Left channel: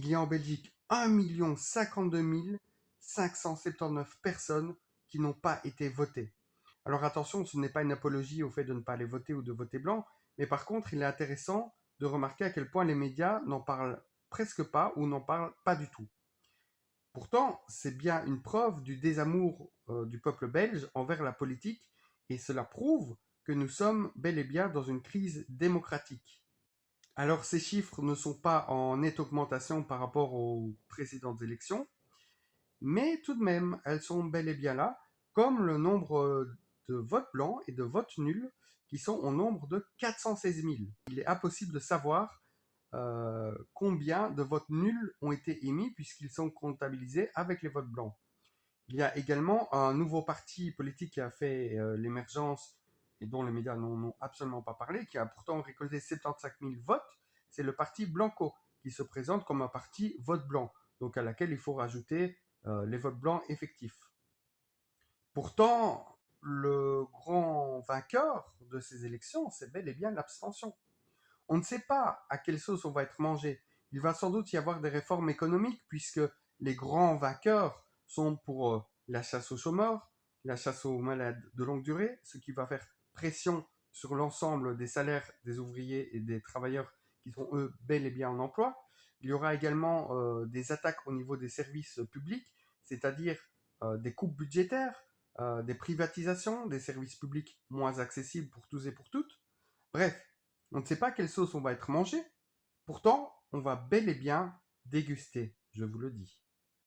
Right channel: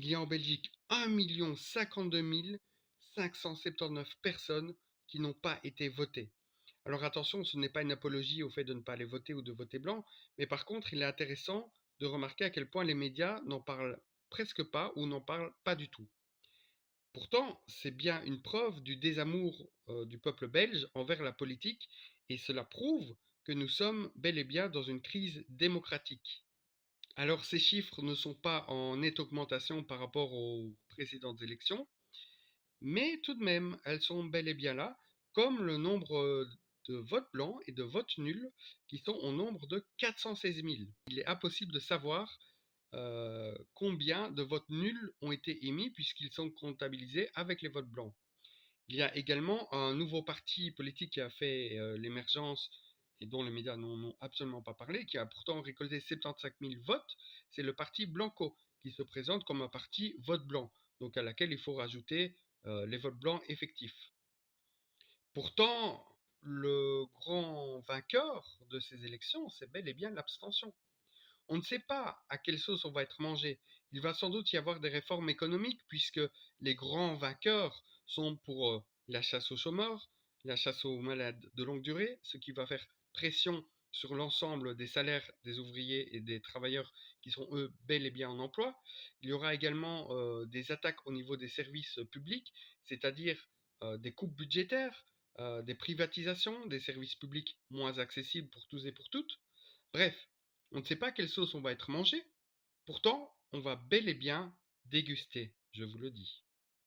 il y a en Belgique 1 52 579 personnes qui n'ont pas été votées. Alors attention, ce n'est pas une apologie au fait de ne pas aller voter ou de voter blanc, mais par contre, il est intéressant de remarquer à quel point les médias n'en parlent presque pas ou n'en parlent pas du tout. Pourtant, c'est bien une preuve du désamour du peuple belge envers la politique et cela prouve que nous sommes bel et bien dans une crise démocratique. Alors ces chiffres ne sont pas en nette augmentation par rapport aux précédentes élections, mais tout de même, elles sont bel et bien là, comme le nombre de votes blancs et de votes nuls qui sont au nombre de 416 000. Il est impossible de savoir combien de votes nuls ont été émis puisqu'ils sont comptabilisés avec les votes blancs. Il y a également un nouveau parti politique qui a fait l'émergence et dont les médias n'ont absolument pas parlé, qui a pourtant récolté 75 000 votes, c'est le parti Blanco, qui se présente comme un parti vote blanc, donc à laquelle il faut rajouter les votes blancs effectifs. Pourtant, le grand vainqueur de ces élections, c'est bel et bien l'abstention. On ne sait pas à quelle sauce on va être mangé. Il va sans doute y avoir des réformes économiques puisque les grands vainqueurs sont pour la chasse aux chômeurs, la chasse aux malades de longue durée, ce qui va faire pression sur l'ensemble des salaires des ouvriers et des travailleurs qui sont eux bel et bien en emploi. Il y aura également des attaques au niveau des services publics, c'est-à-dire des coupes budgétaires, des privatisations, des services publics moins accessibles pour tous et pour toutes. Bref, on ne sait pas quelle sauce on va être mangé, pourtant on va bel et bien déguster, je vous le dis.